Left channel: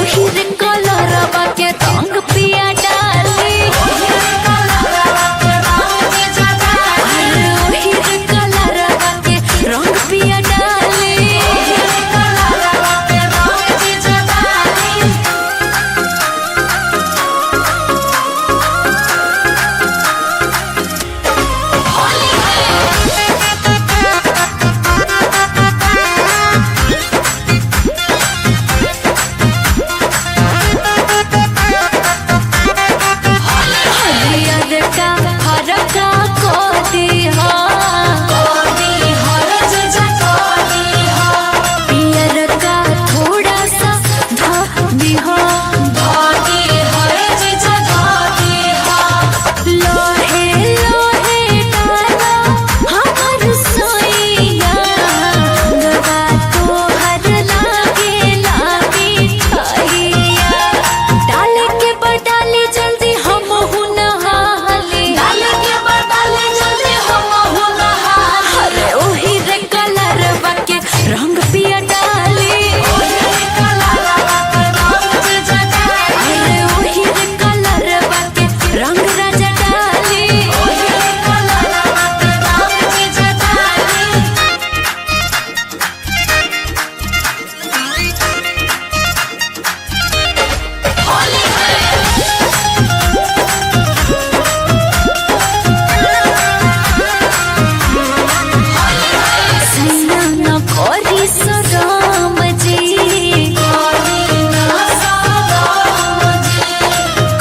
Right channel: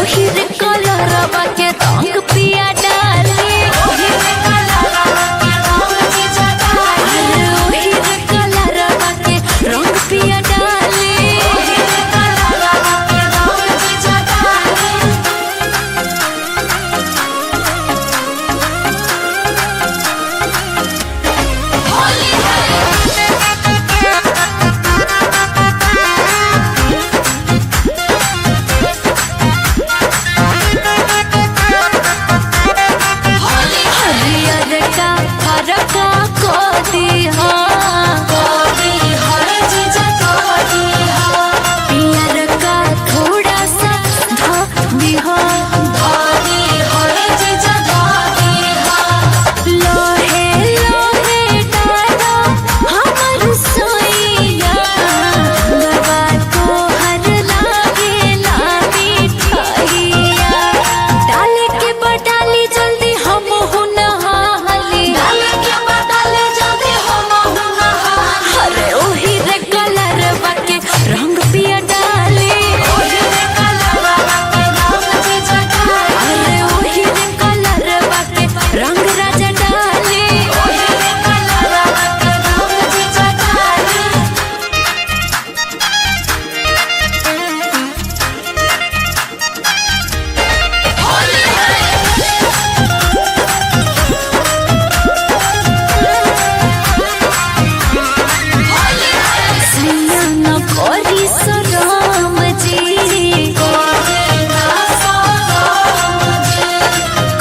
ओहिर कलरवा के रंग पिया डाली, अरे ओहिर कलरवा के रंग पिया डाली। हरका को दिहा पियर का थोड़ा सा धा दिहा, लोहे लोहे डाला हमर सोइया, गवा तो हर लागे ला मिठाइया। डाले के बडाली जल्दी हम हुनहा, अरे ओही रे कलरवा के रंग पिया डाली, अरे ओही रे कलरवा के रंग राजा डाली। कोरी सराम जी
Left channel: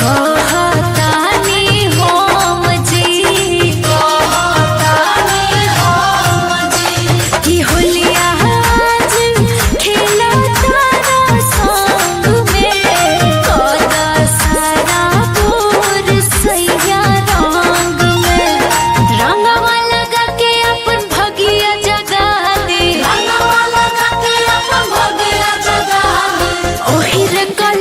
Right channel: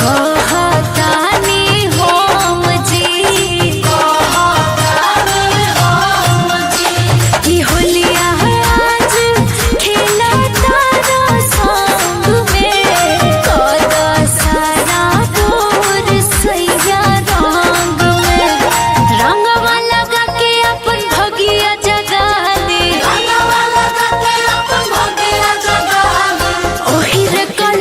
कहतानी होम जी कि होलिया आज खेला तारा संग में, कदा सारा बोर सैया रंग में, रंगवा लगा के अपन भगिया जगा दे, ओहिर कल